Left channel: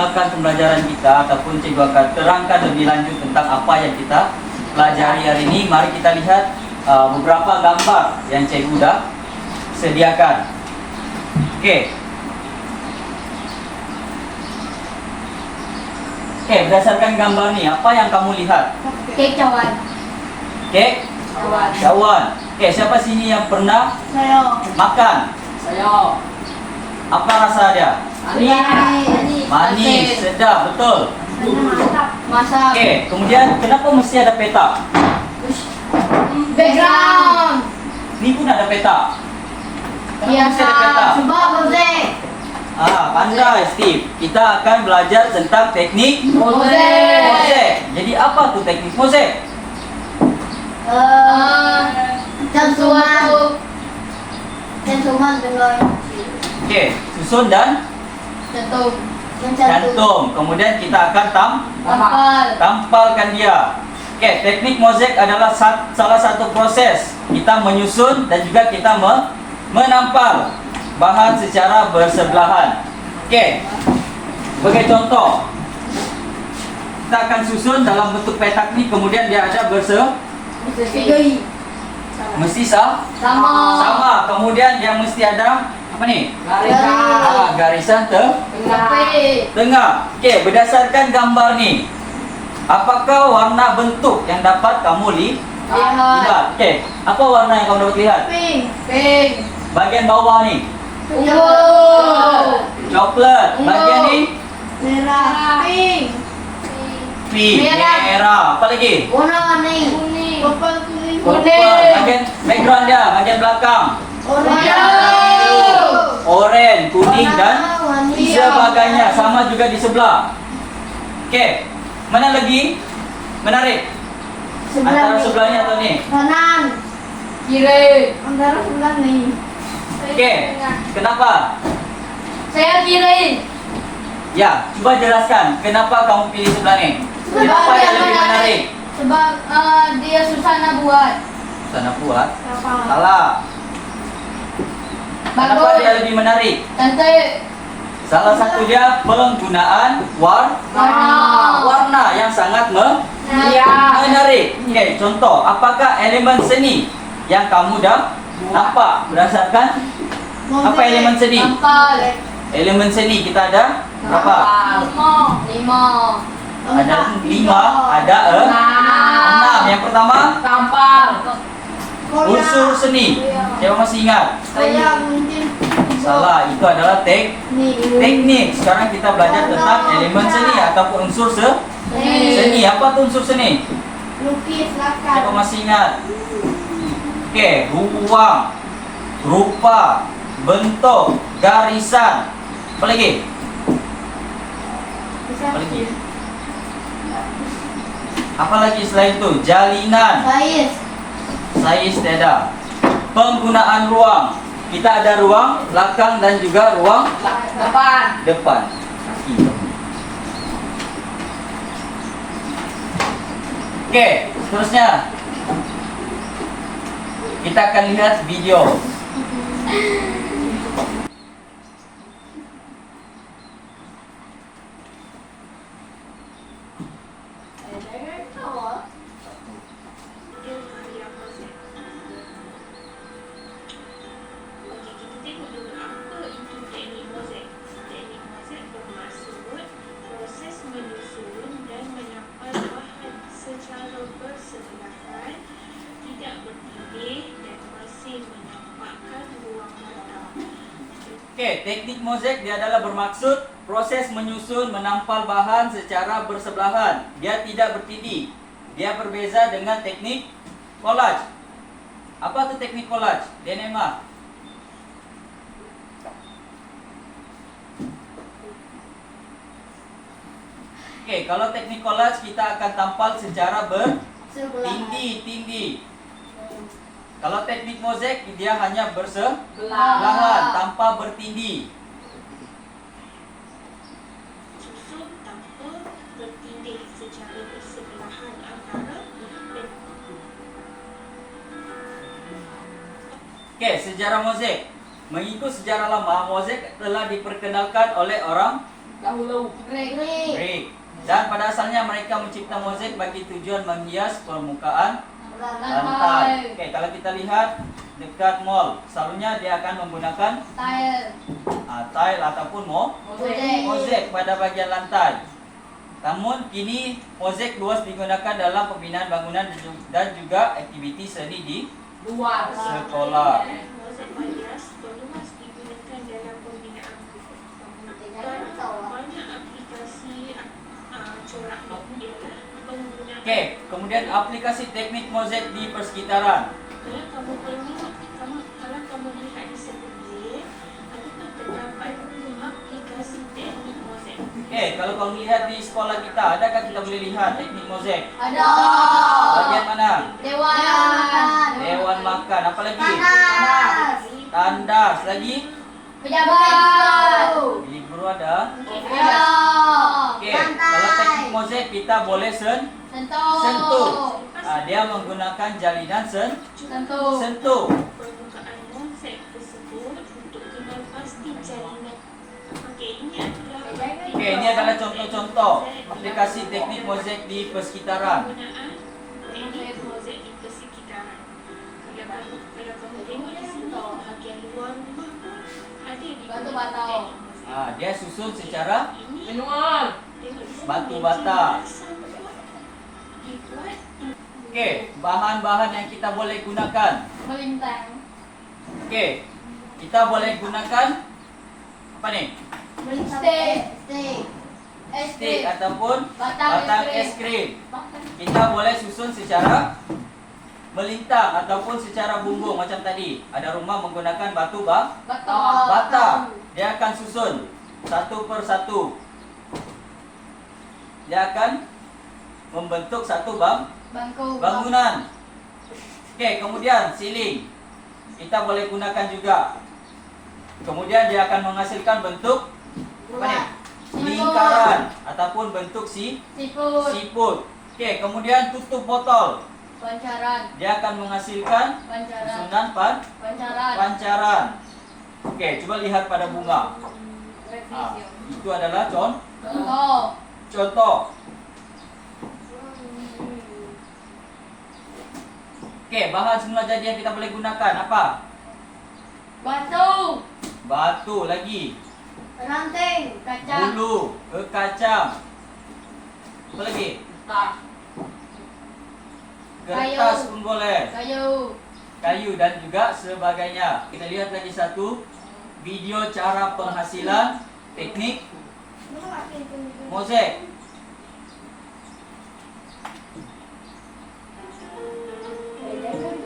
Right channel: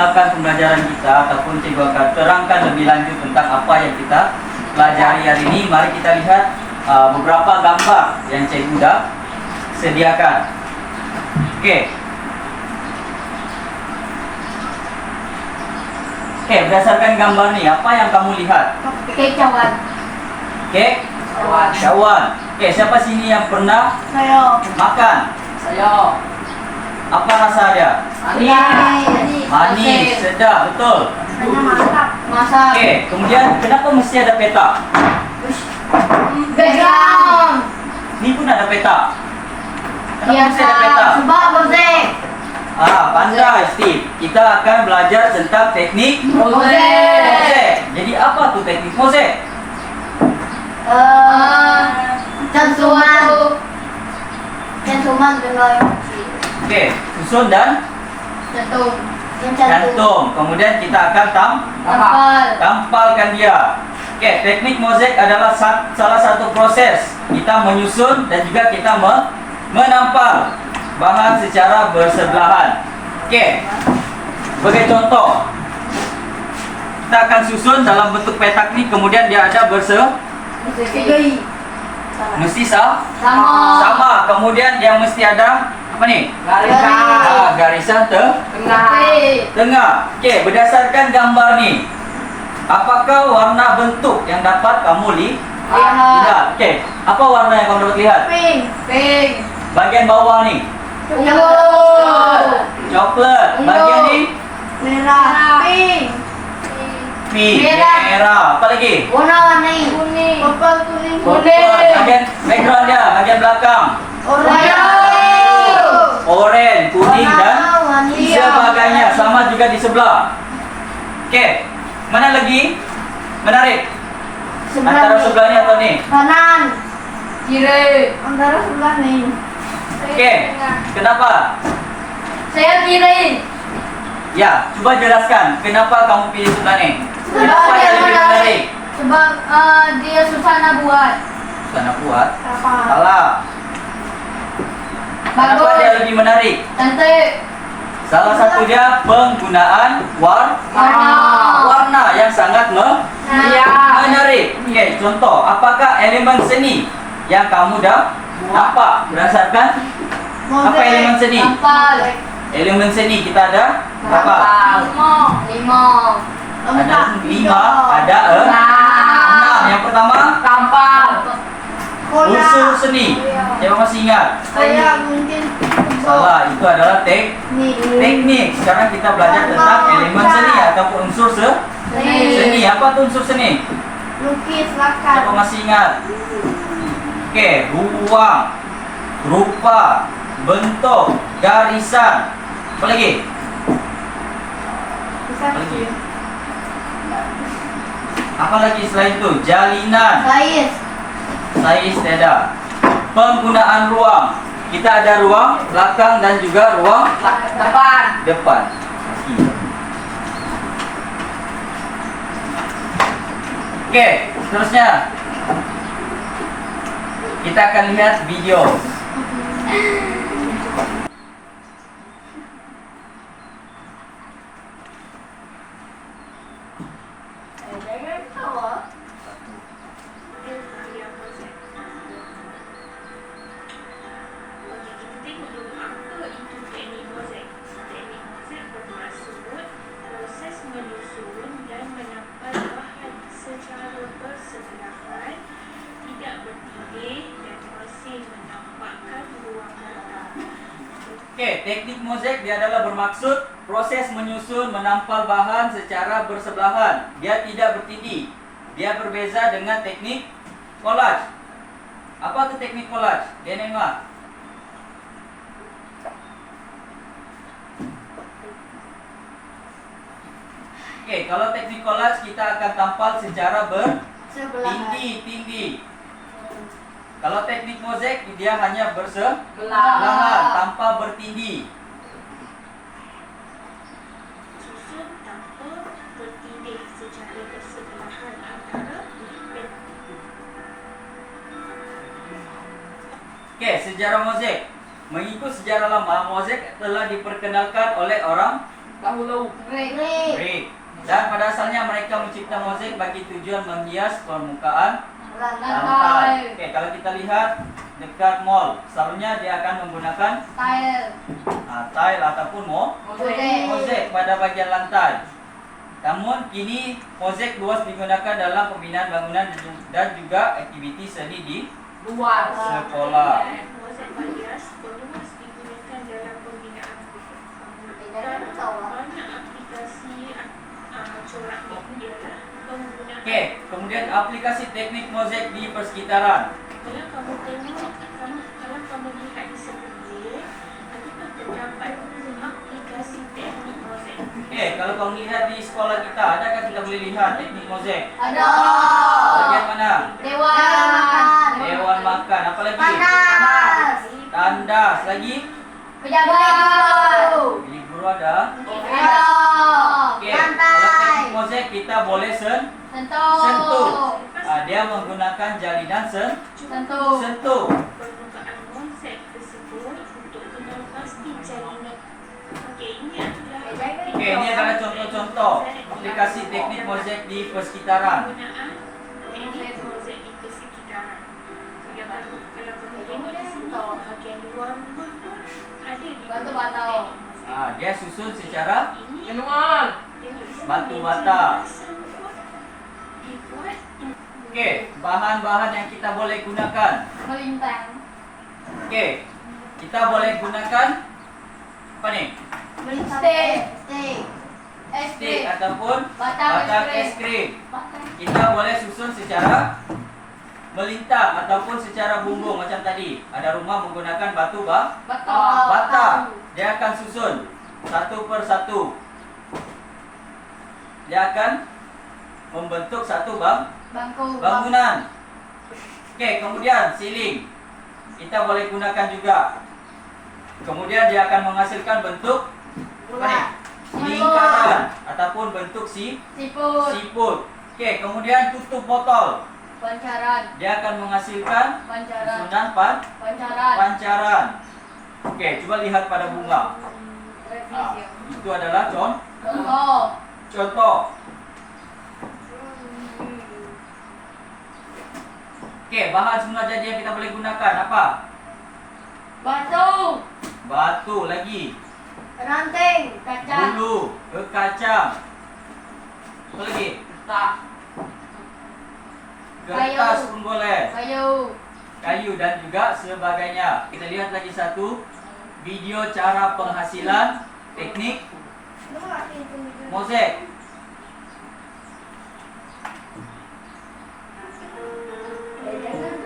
memulakan pembelajaran kita ataupun cikgu akan terangkan lebih lanjut tentang apa yang kita pelajari hari ini, mari kita lihat beberapa gambar yang cikgu dah sediakan. Okey. Okey, berdasarkan gambar ni, apa yang kamu lihat? Kek cawan. Kek cawan. Okey, siapa sini yang pernah Saya. makan? Saya. Apa rasa dia? Manis, sedap, betul. Masak. Okey, kemudian kenapa mesti ada peta? Background. Ni pun ada peta. Kenapa mesti Biasa. ada peta? Sebab mosek. Pandai Steve. Kita akan belajar tentang teknik Mosek. mosek. Jadi apa tu teknik mosek? Cantuman. Cantuman dengan Okey, susun dan cantum. Yang cantum. cantum. Kemudian kita akan Kapal. tampalkan dia. Okey, teknik mosek adalah salah satu proses kita menyusun dan juga kita menampal bahan secara bersebelahan. Okey. Sebagai contoh, kita akan susun dalam bentuk petak ni, kemudian dia ada Tiga. mesti Sama. Kemudian dia mesti ada apa ni? Garisan. Garisan Tengah. tengah. Okey, berdasarkan gambar ni, apakah warna bentuk yang dapat kamu lihat? Okey, apa warna yang kamu dapat lihat? Pink. Bagian bawah ni, Yellow. coklat. Bagian ni, Merah. Pink. pink, Merah. merah. Apa lagi? Warna-warni. Kuning. Purple, kuning. Purple. Bagian background dia, bagian belakang, oranye, kuning dan sebagainya. Sama juga di sebelah. Okey, mana lagi menarik? Antara sebelah ni atau ni? Kanan. Kiri. Antara sebelah ni. Okey, kenapa? Saya kiri. Ya, cuba jelaskan kenapa kamu pilih sebelah ni. Sebab Kenapa dia dia lebih menarik. menarik? Sebab dia susah nak buat. Sana buat. Apa? Salah. Kenapa Bagus. dia lebih menarik? Cantik. Salah satu dia penggunaan warna yang sangat menarik. Okey, contoh, apakah elemen seni yang kamu dah nampak berdasarkan apa elemen seni? Kapal. Elemen seni kita ada berapa? Lima. Ada 5, ada 6. Yang pertama, Kapal. unsur seni. Siapa masih ingat? Saya mungkin Salah, itu adalah teknik. Sekarang kita belajar tentang elemen seni ataupun unsur seni. Apa tu unsur seni? lukis Siapa lakar. masih ingat? Okey, ruang, rupa, bentuk, garisan. Apa lagi? Apa lagi? Apa lagi selain itu? Jalinan, saiz tiada. Penggunaan ruang. Kita ada ruang belakang dan juga ruang depan. Kaki. Okey, seterusnya kita akan lihat video. Okey, teknik mosek dia adalah bermaksud proses menyusun menampal bahan secara bersebelahan. Dia tidak bertindih. Dia berbeza dengan teknik collage. Apa tu teknik collage? Denema. Okey, kalau teknik collage kita akan tampal secara bertindih-tindih. Kalau teknik mosek dia hanya bersebelahan tanpa bertindih. Susun tanpa bertindih secara bersebelahan antara Okey, sejarah mosek. Mengikut sejarah lama, mosek telah diperkenalkan oleh orang Dahulu. Break. Brick. Dan pada asalnya mereka mencipta mozaik bagi tujuan menghias permukaan lantai. Oke, kalau kita lihat dekat mall, selalunya dia akan menggunakan Tile. tile ataupun mozaik pada bagian lantai. Namun kini mozaik luas digunakan dalam pembinaan bangunan dan juga aktiviti seni di Luar. sekolah. Mozaik hias berluas digunakan dalam pembinaan bangunan. Banyak aplikasi corak ini ialah penggunaan. Oke, kemudian aplikasi teknik mozaik di persekitaran. Kalau kamu lihat di sekeliling, adakah terdapat aplikasi teknik mozaik? Oke, kalau kamu lihat di sekolah kita, adakah kita boleh lihat teknik mozaik? Ada. Bagian mana? Dewan. Dewan makan. Apa lagi? Panas. Tandas. Lagi? Pejabat. Bilik guru ada. Ya. Oke, kalau teknik mozaik kita boleh sentuh. Dia menggunakan jalinan Sentuh. sentuh. Permukaan mozaik tersebut untuk kenal pasti jalinan. Oke, ini adalah contoh-contoh aplikasi teknik mozaik di persekitaran. Penggunaan teknik mozaik di persekitaran. Kalau kamu tengok di sini, bahagian luar rumah pun ada di Batu bata. Dia susun secara ini. Manual. Tengok di sini, batu bata. dibuat Oke, bahan-bahan yang kita boleh gunakan. Melintang. Oke, kita boleh gunakan apa nih? Steak. Stick ataupun Batang batang es es krim. Kita boleh susun secara melintang ataupun secara bumbung macam tadi. Ada rumah menggunakan batu bata. Dia akan susun satu per satu. Dia akan membentuk satu Bangku. bangunan. Oke, kemudian siling. Kita boleh gunakan juga. Kemudian dia akan menghasilkan bentuk apa nih? Lingkaran ataupun bentuk Siput. siput. Oke, kemudian tutup botol. Pancaran. Dia akan menghasilkan Pancaran. susunan Pancaran. pancaran. Oke, coba lihat pada bunga. Revisi. Itu adalah Contoh. contoh. Oke, bahan semula jadi yang kita boleh gunakan apa? Batu. Batu lagi, Ranting. Kaca. bulu, kacang. Apa lagi? Tak. Kertas Kayu. pun boleh. Kayu dan juga sebagainya. Kita lihat lagi satu video cara penghasilan teknik mozaik.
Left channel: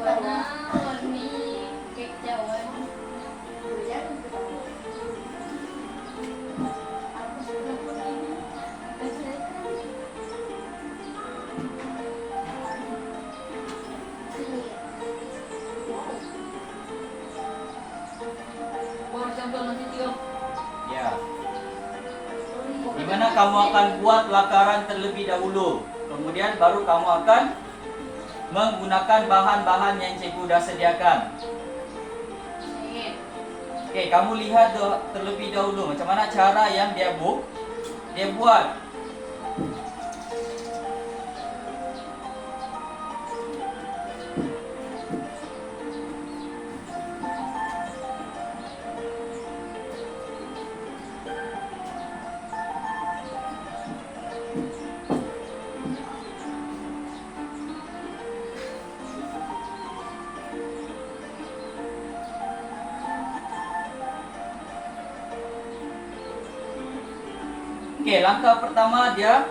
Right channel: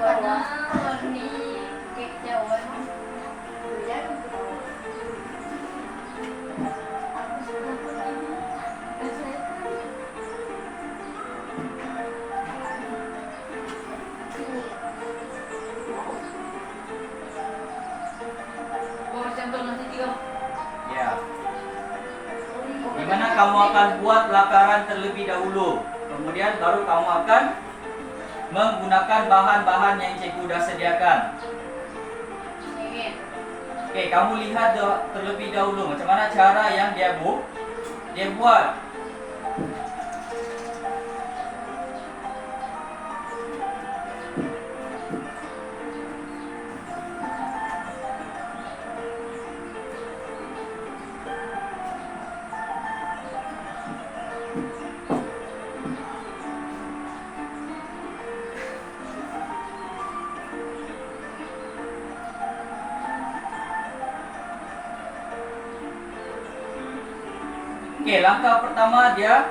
Warna-warni kekjauhan. Buat sampel nanti tiga. Ya. Dimana kamu akan buat lakaran terlebih dahulu. Kemudian baru kamu akan menggunakan bahan-bahan yang cikgu sudah sediakan. Oke, kamu lihat terlebih dahulu macam mana cara yang dia buat. Oke, langkah pertama dia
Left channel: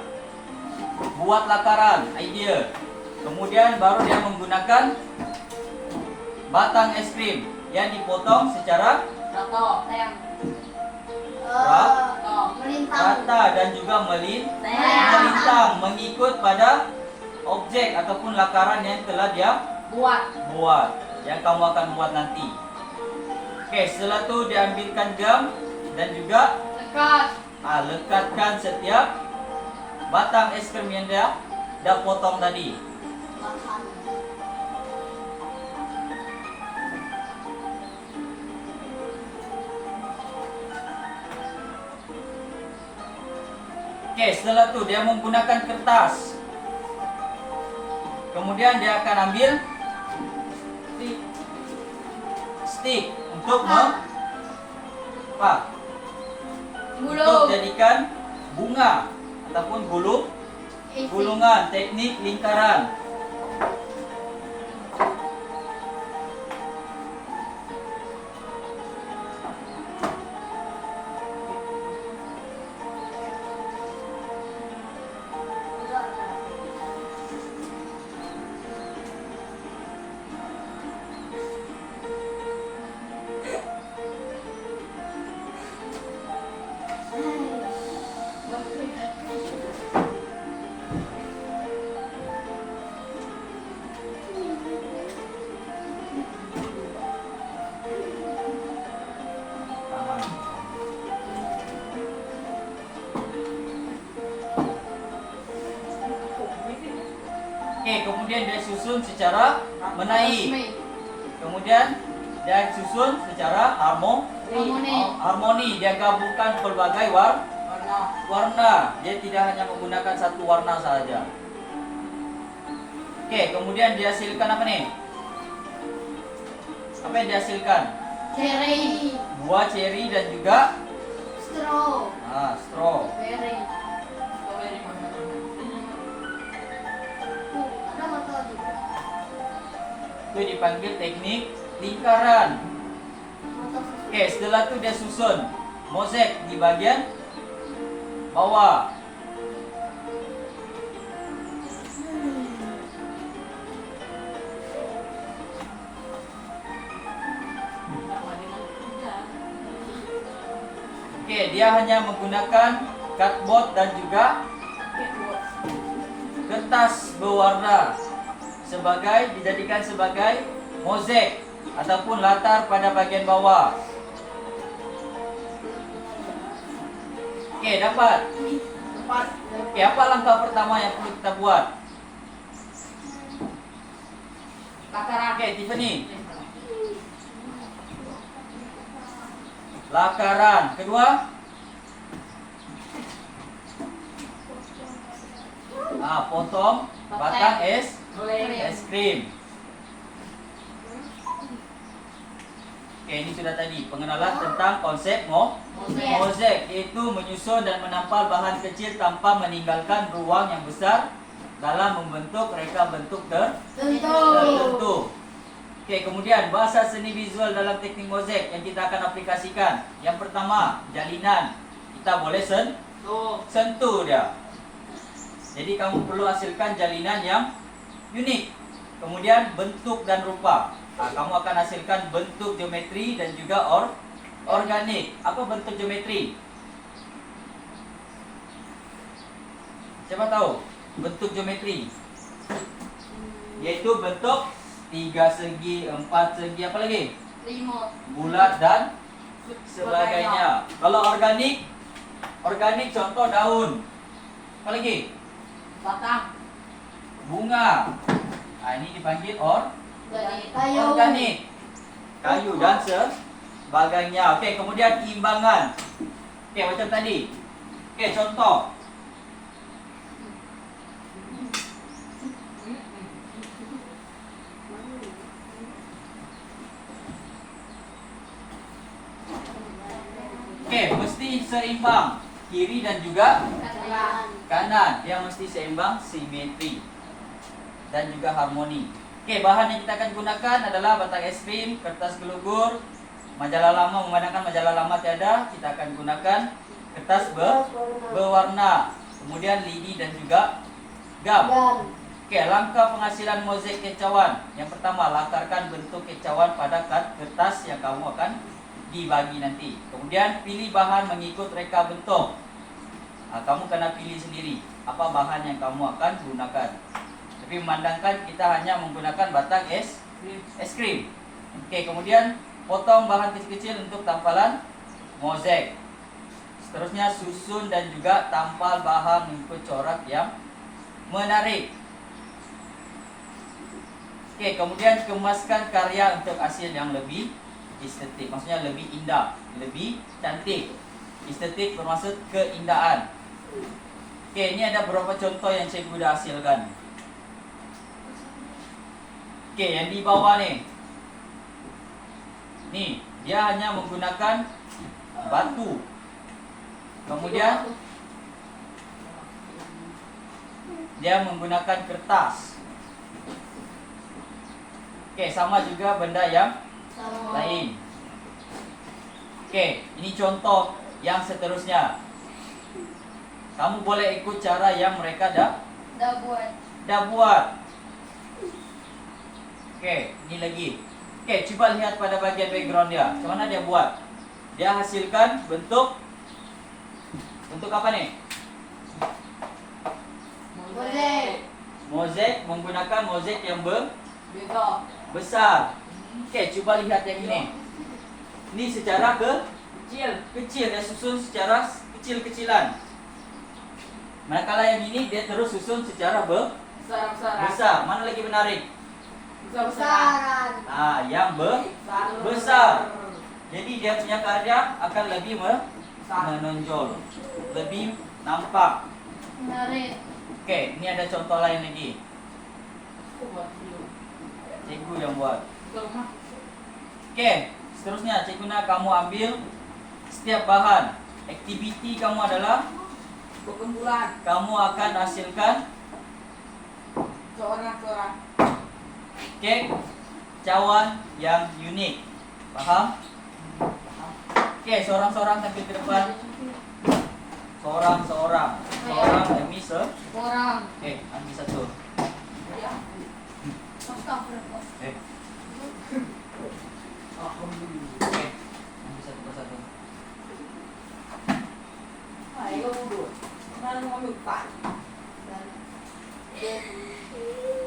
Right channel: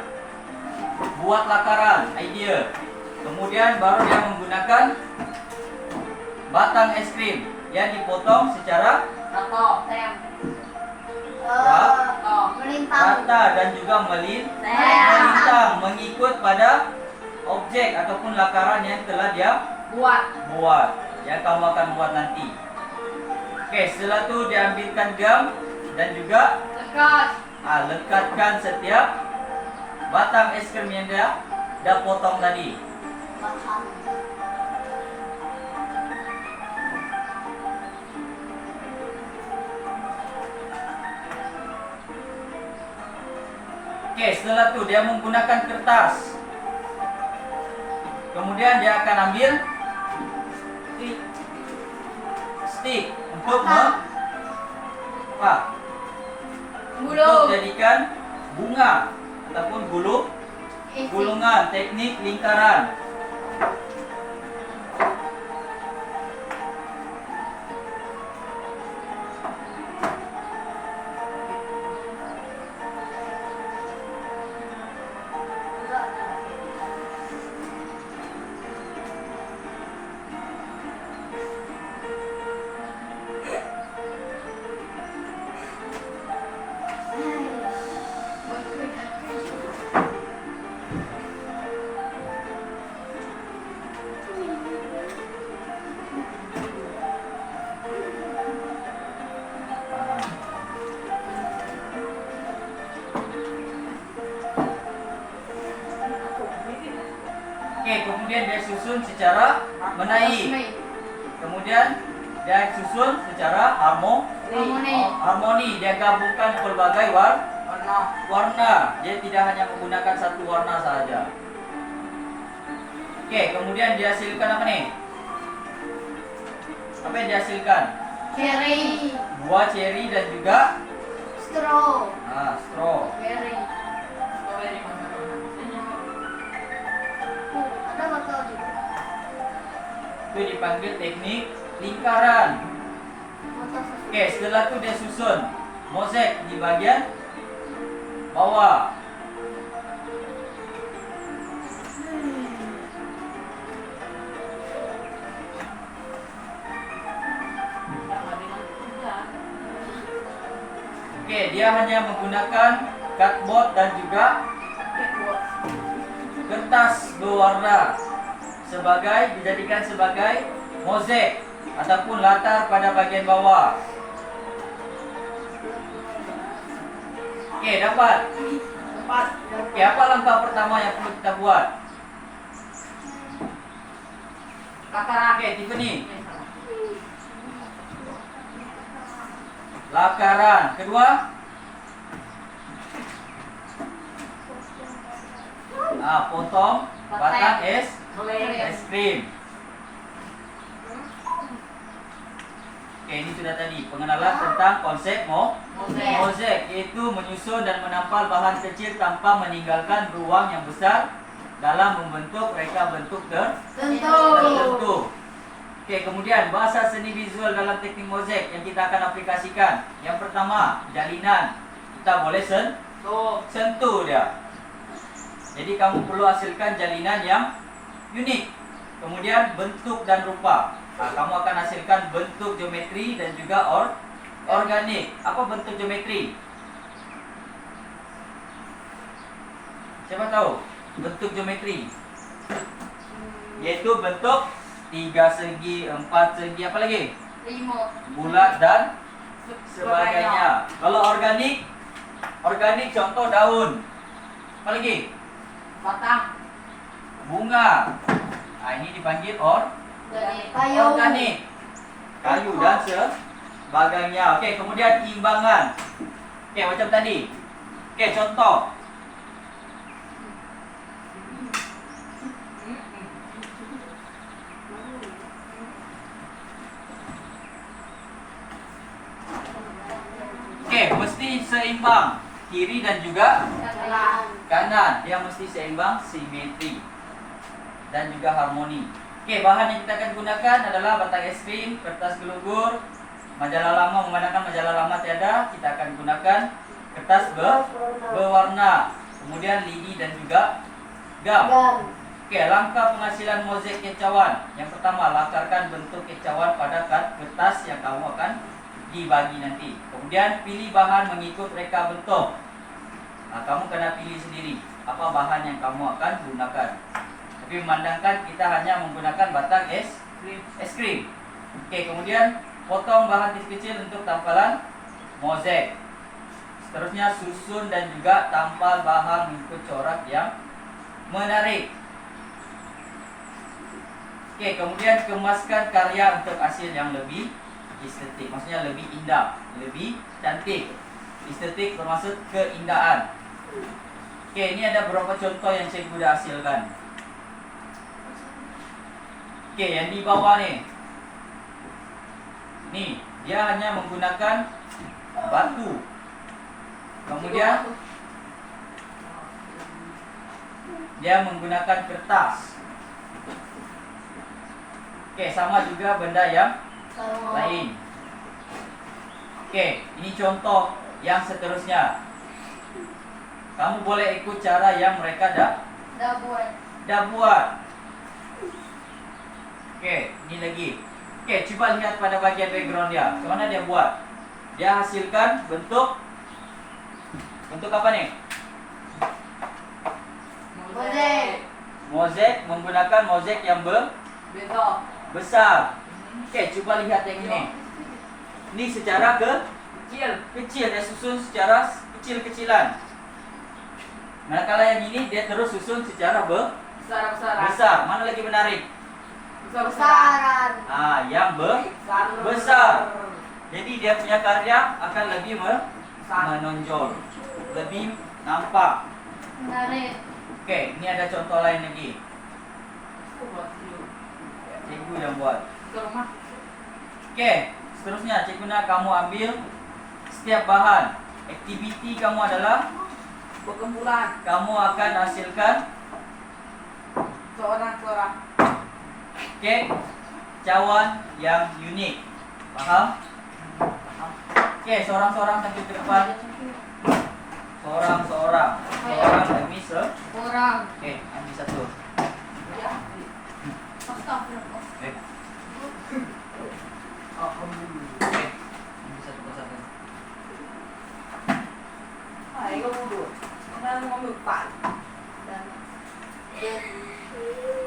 buat lakaran, idea. Kemudian baru dia menggunakan batang es krim yang dipotong secara Tato. Sayang. Tato. Melintang. rata dan juga melintang mengikut pada objek ataupun lakaran yang telah dia Buat. yang kamu akan buat nanti. Oke, setelah itu diambilkan gam dan juga Lekat. lekatkan setiap batang es krim yang dia dah potong tadi. Oke, setelah itu dia menggunakan kertas. Kemudian dia akan ambil stick untuk untuk jadikan bunga ataupun gulungan teknik lingkaran. Oke, kemudian dia susun secara menaik. Kemudian dia susun secara harmoni. Dia gabungkan pelbagai warna. Dia tidak hanya menggunakan satu warna saja. Oke, kemudian dia hasilkan apa nih? Apa yang dihasilkan? Cherry. Buah cherry dan juga Straw. straw. Berry. Strawberry mana? Ada matao juga. Itu dipanggil teknik lingkaran. Oke, setelah itu dia susun mozaik di bagian bawah. Oke, dia hanya menggunakan cardboard dan juga kertas berwarna dijadikan sebagai mozaik ataupun latar pada bagian bawah. Oke, dapat. Oke, apa langkah pertama yang perlu kita buat? Oke, Tiffany. Lakaran. Kedua, potong batang es krim. Oke, ini sudah tadi pengenalan tentang konsep mozaik, yaitu menyusun dan menampal bahan kecil tanpa meninggalkan ruang yang besar dalam membentuk reka bentuk tertentu. Oke, kemudian bahasa seni visual dalam teknik mozaik yang kita akan aplikasikan. Yang pertama, jalinan. Kita boleh sentuh dia. Jadi kamu perlu hasilkan jalinan yang unik. Kemudian bentuk dan rupa. Kamu akan hasilkan bentuk geometri dan juga organik. Apa bentuk geometri? Siapa tahu bentuk geometri? Yaitu bentuk 3 segi, 4 segi, apa lagi? 5. Bulat dan sebagainya. Kalau organik contoh daun. Apa lagi? Batang. Bunga. Ini dipanggil Kayu. organik. Kayu dan sebagainya. Oke, kemudian imbangan. Oke, macam tadi. Oke, contoh. Oke, mesti seimbang kiri dan juga kanan. Dia mesti seimbang, simetri dan juga harmoni. Oke, bahan yang kita akan gunakan adalah batang es krim, kertas gelugur, majalah lama. Memandangkan majalah lama tiada, kita akan gunakan kertas berwarna, kemudian lidi dan juga gam. Oke, langkah penghasilan mozaik kecauan. Yang pertama, lakarkan bentuk kecauan pada kertas yang kamu akan dibagi nanti. Kemudian pilih bahan mengikut reka bentuk. Kamu kena pilih sendiri apa bahan yang kamu akan gunakan. Tapi memandangkan kita hanya menggunakan batang es krim. Oke, kemudian potong bahan kecil-kecil untuk tampalan mozaik. Seterusnya susun dan juga tampal bahan mengikut corak yang menarik. Oke, kemudian kemaskan karya untuk hasil yang lebih estetik, maksudnya lebih indah, lebih cantik. Estetik bermaksud keindahan. Oke, ini ada beberapa contoh yang cikgu dah hasilkan. Oke, yang di bawah nih. Nih, dia hanya menggunakan batu. Kemudian dia menggunakan kertas. Oke, sama juga benda yang Sama. lain. Oke, ini contoh yang seterusnya. Kamu boleh ikut cara yang mereka dah buat. Oke, ini lagi. Oke, coba lihat pada bagian background dia. Macam mana dia buat? Dia hasilkan bentuk apa nih? Mozaik. Mozaik, menggunakan mozaik yang Betul. besar. Oke, coba lihat yang ini. Ini secara kecil, dia susun secara kecil-kecilan. Manakala yang ini dia terus susun secara Besar-besaran. besar. Mana lagi menarik? Besar-besaran. Besaran. Yang besar. Jadi dia punya karya akan lebih menonjol, lebih nampak. Menarik. Oke, ini ada contoh lain lagi. Cikgu yang buat. Ke rumah. Oke, seterusnya cikgu nak kamu ambil setiap bahan. Aktiviti kamu adalah Berkumpulan. kamu akan hasilkan Seorang-seorang. oke, cawan yang unik. Paham? Oke, seorang-seorang sampai ke depan. Seorang-seorang demi Orang. Oke, ambil satu. Ya. Astagfirullah. Oke, Alhamdulillah. ambil satu persatu. Hai, kau duduk. Mana mau ambil pan?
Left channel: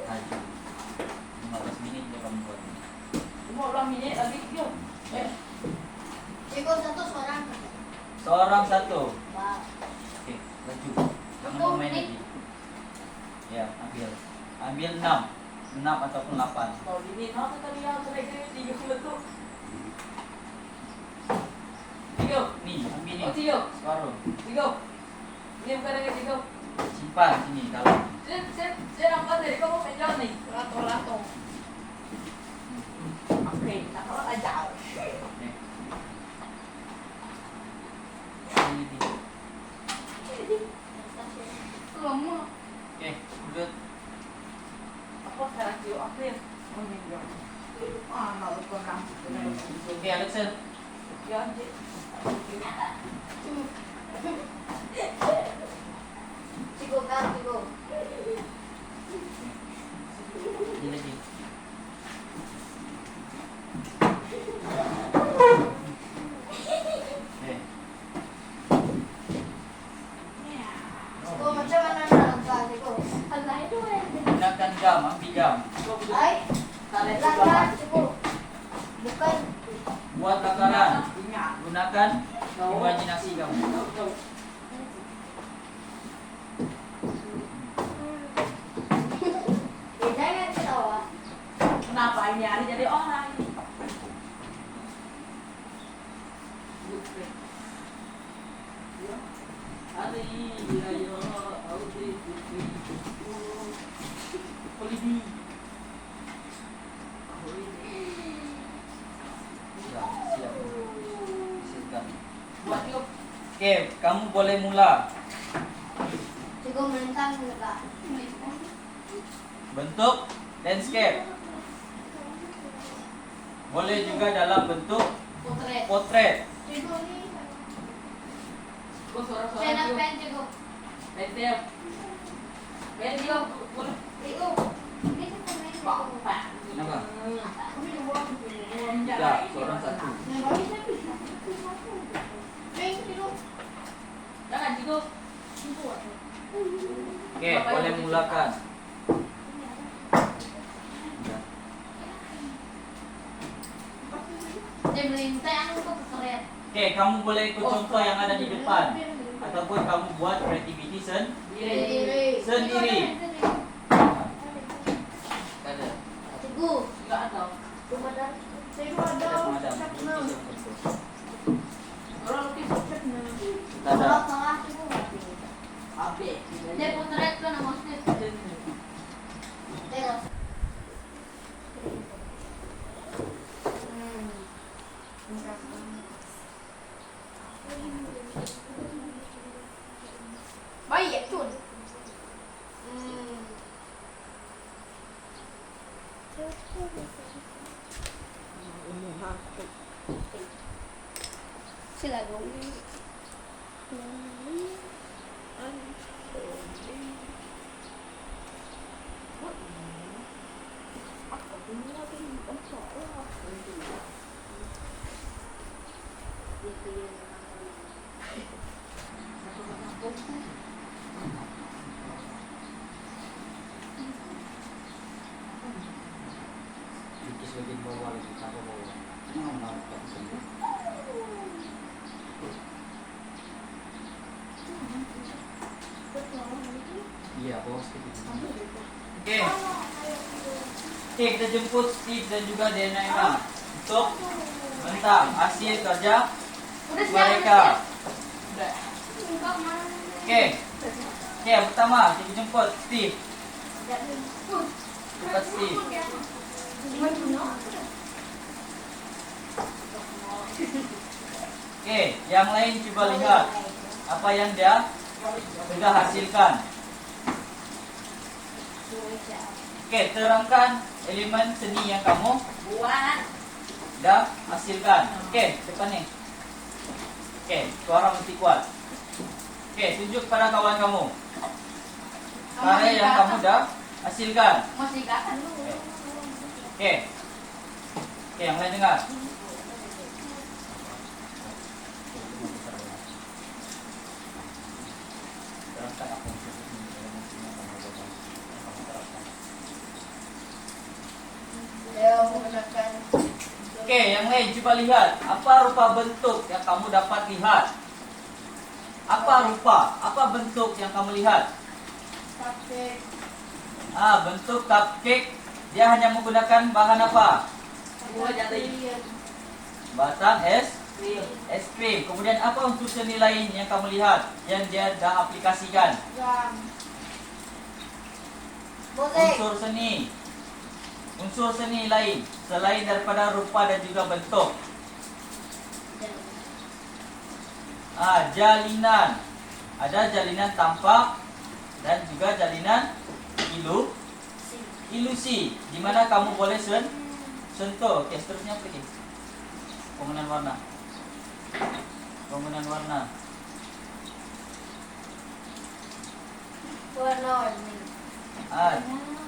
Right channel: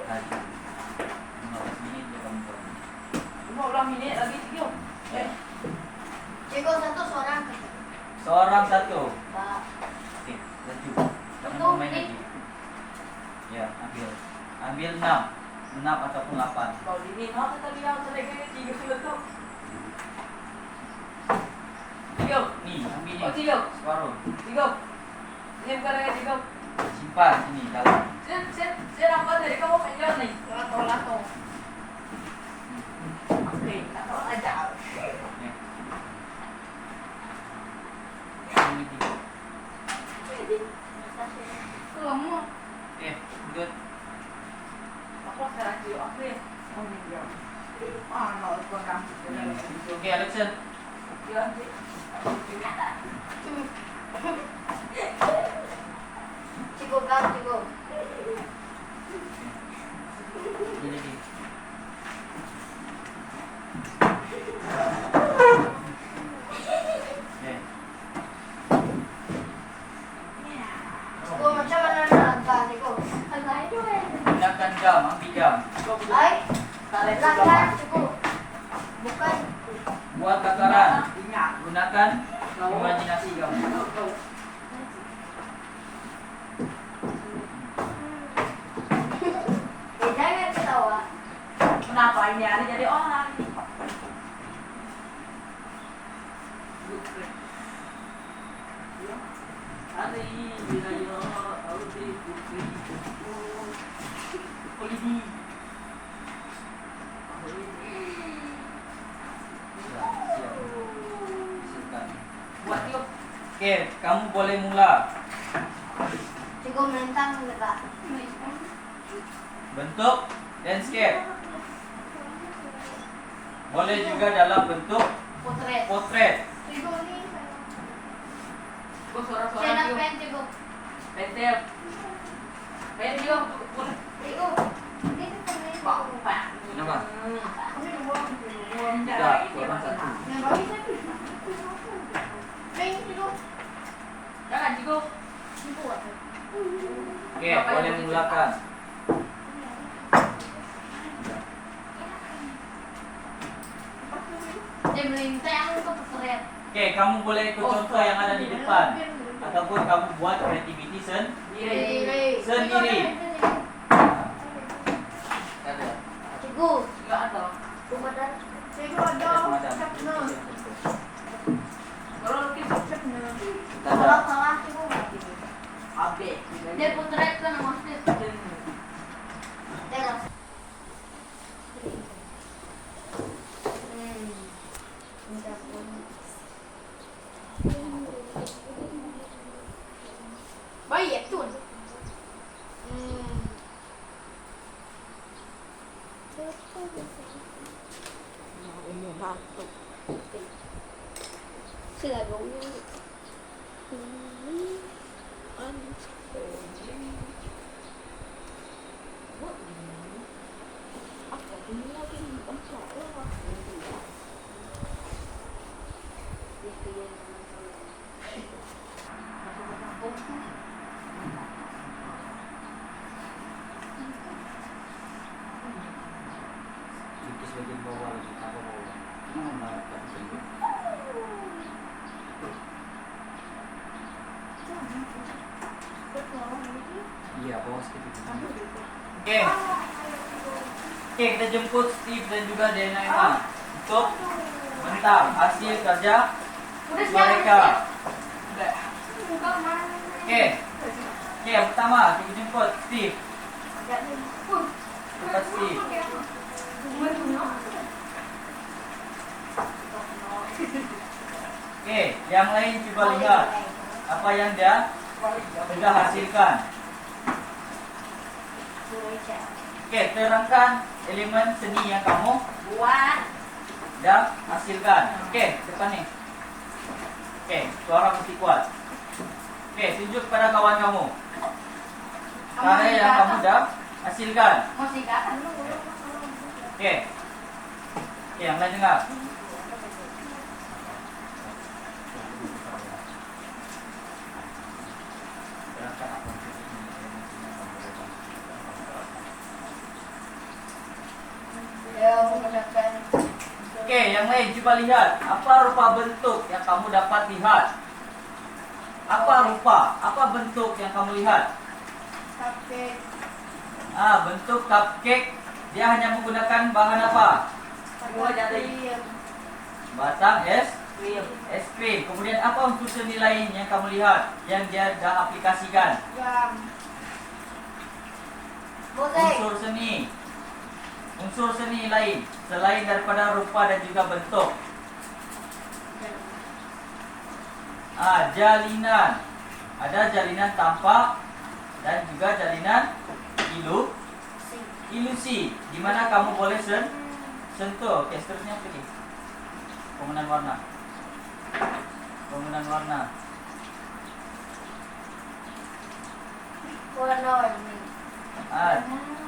Aja. 15 menit dia kamu buat. 15 menit lagi yuk. Cikgu satu seorang. Seorang satu. Pak. Oke, laju. Kamu Betul, mau main Dik. lagi. Ya, ambil. Ambil 6. 6 ataupun 8. Kalau ini nak tadi yang terlebih 3 letup. 3. Nih, ambil Oh, ni. 3. Separuh. 3. Ini bukan lagi 3. Simpan sini dalam. Saya nampak dari kamu menjual nih. Lato-lato. Oke, lato aja. Nih. Ini dulu. Lama. Oke, lanjut. Aku sekarang yuk akhir menjual. Ah, nak kurang. Oke, Alexan. Ya, Cik. Cikgu kan, cikgu. Ini lagi. Oke. Cikgu macam mana nerangkan, cikgu? Allah itu Gunakan gam, ambil gam. Ay, Tarik langgan, cikgu. Bukan. Buat takaran. Ingat. Gunakan imajinasi kamu. Jangan ketawa. Kenapa ini hari jadi orang? Siap. Silakan. Buat yuk. Oke, kamu boleh mula. Cikgu mentang enggak? Bentuk landscape. Boleh juga dalam bentuk Potret. potret. Cikgu ni. Kau suara-suara Saya nak yuk. pen, cikgu. Pentil. Pen yuk. Cikgu. Ini kan main Pak. cikgu. Pak. Kenapa? Ini buang. Ya, seorang satu. Yang baru saya main cikgu. Jangan cikgu. Cikgu apa? Oke, boleh mulakan. Dia melintang ke potret. Oke, kamu boleh ikut contoh yang ada di depan. Ataupun kamu buat kreativiti Diri. sendiri. Ada. Cikgu. Enggak ada. Kemudian cikgu ada. Ada semacam. Sapna. Kalau lukis Sapna. Ada. Salah-salah cikgu. Abe. Dia potret kan nama Steve. Dia baik ya tuh. Sila gawin. Lukis bagian bawah lagi, tambah bawah. Menarik tapi sendiri. Iya, bawah sedikit. Oke. Oke, kita jemput Steve dan juga Denaima untuk mentang hasil kerja mereka. Oke. Oke, pertama kita jemput Steve. Jemput Steve. Oke, yang lain coba lihat apa yang dia sudah hasilkan. Oke, terangkan elemen seni yang kamu Buat. dah hasilkan. Oke, depan nih. Oke, suara mesti kuat. Oke, tunjuk pada kawan kamu karya yang kamu dah hasilkan. Masih kan dulu. Oke. Oke, yang lain dengar. Terangkan apa yang Dia menggunakan Oke, yang lain coba lihat apa rupa bentuk yang kamu dapat lihat. Apa rupa? Apa bentuk yang kamu lihat? cupcake. Bentuk cupcake. Dia hanya menggunakan bahan apa? Batang es krim. Kemudian apa unsur seni lain yang kamu lihat yang dia dah aplikasikan? Jam. Mozaik. Unsur seni lain selain daripada rupa dan juga bentuk. Jalinan. Ada jalinan tampak dan juga jalinan ilusi di mana kamu boleh sentuh. Oke, seterusnya apa lagi? Penggunaan warna. Warna-warni.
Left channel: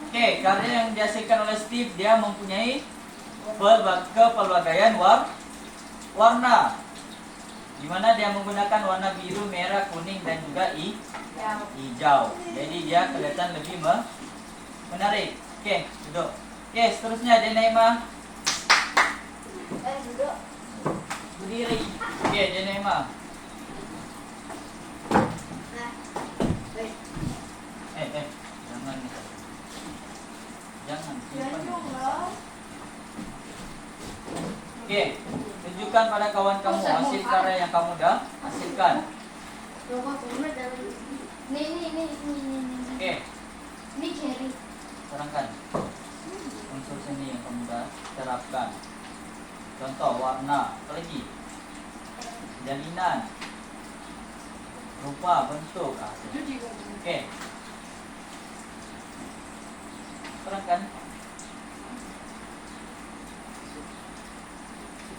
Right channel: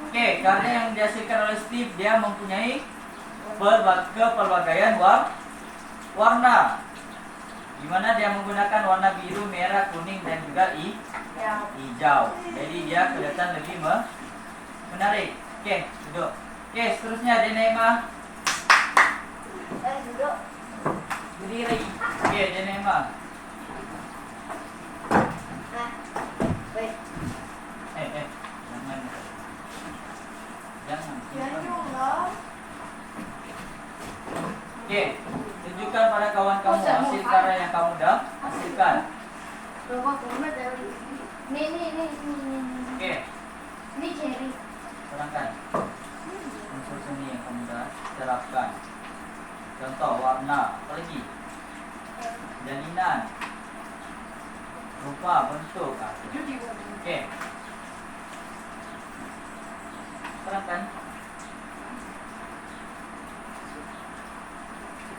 Oke, karya yang dihasilkan oleh Steve, dia mempunyai kepelbagaian warna, di mana dia menggunakan warna biru, merah, kuning dan juga hijau. Jadi dia kelihatan lebih menarik. Oke, duduk. Oke, seterusnya Denaima. Duduk. Berdiri. Oke, Denaima. Nah. Wait. Jangan. Jangan lah. Oke, tunjukkan pada kawan kamu hasil karya yang kamu dah hasilkan. Nih. Oke, Ini cherry. terangkan unsur seni yang kamu dah terapkan. Contoh warna, apa lagi? Jalinan, rupa, bentuk. Oke, terangkan.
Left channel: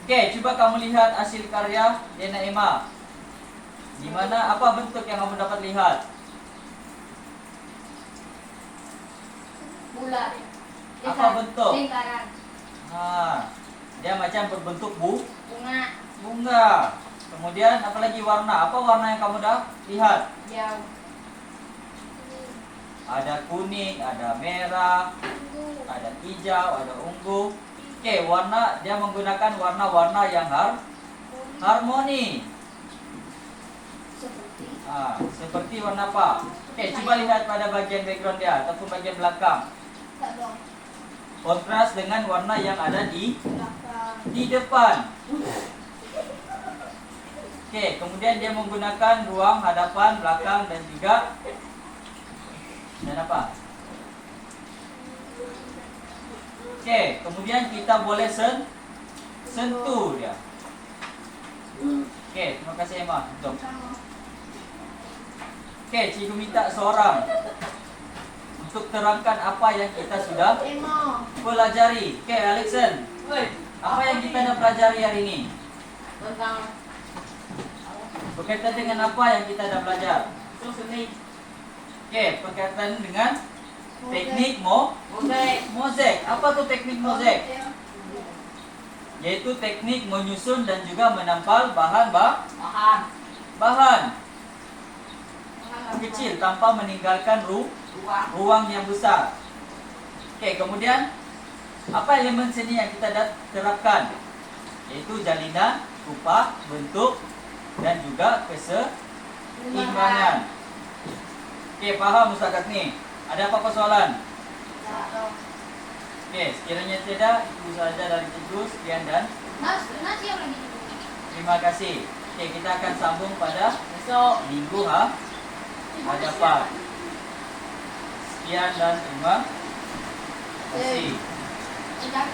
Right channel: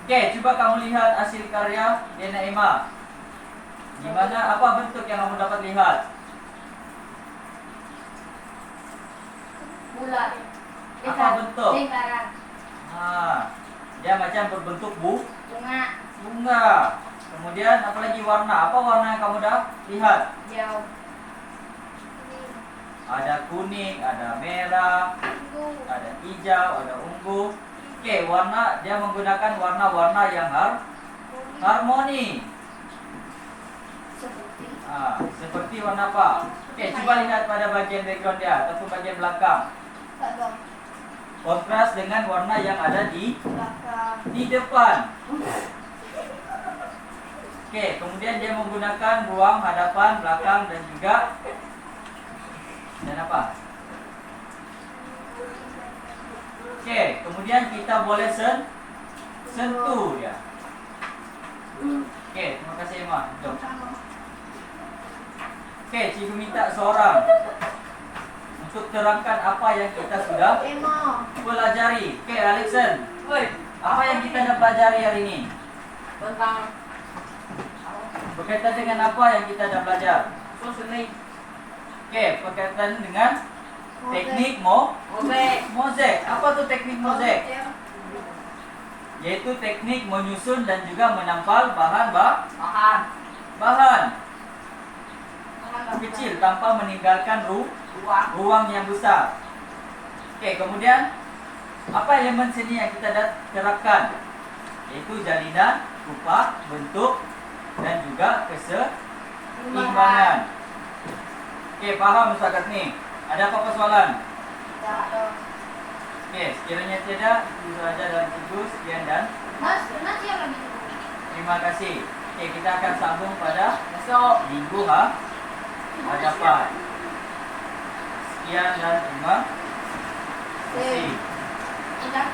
Oke, coba kamu lihat hasil karya Denaima. Di mana apa bentuk yang kamu dapat lihat? Bulat. Apa bentuk? Lingkaran. Dia macam berbentuk Bunga. bunga. Kemudian apalagi warna? Apa warna yang kamu dah lihat? Jauh. Ada kuning, ada merah, ada hijau, ada ungu. Oke, warna dia menggunakan warna-warna yang harmoni. Seperti warna apa? Oke, coba lihat pada bagian background dia ataupun bagian belakang. Kontras dengan warna yang ada di depan. Oke, kemudian dia menggunakan ruang hadapan, belakang dan juga Dan apa? Oke, kemudian kita boleh sentuh dia. Oke, terima kasih Emma. Betul. Oke, cikgu minta seorang untuk terangkan apa yang kita sudah Emo. pelajari. Oke, Alexen, Woi, apa yang kita dah pelajari hari ini? tentang Berkaitan dengan apa yang kita dah belajar? seni Oke, berkaitan dengan teknik mozaik. mozaik. Apa tuh teknik mozaik? Yaitu teknik menyusun dan juga menampal bahan Bahan kecil tanpa meninggalkan ruang ruang yang besar. Oke, kemudian apa elemen seni yang kita dah terapkan? Yaitu jalinan, rupa, bentuk dan juga keseimbangan. Oke, paham Ustaz ni? Ada apa-apa soalan? Oke, sekiranya tidak, itu saja dari cikgu. Sekian dan Nasi yang lagi. terima kasih. Oke, kita akan sambung pada besok. minggu hadapan. Sekian dan terima kasih. Udah,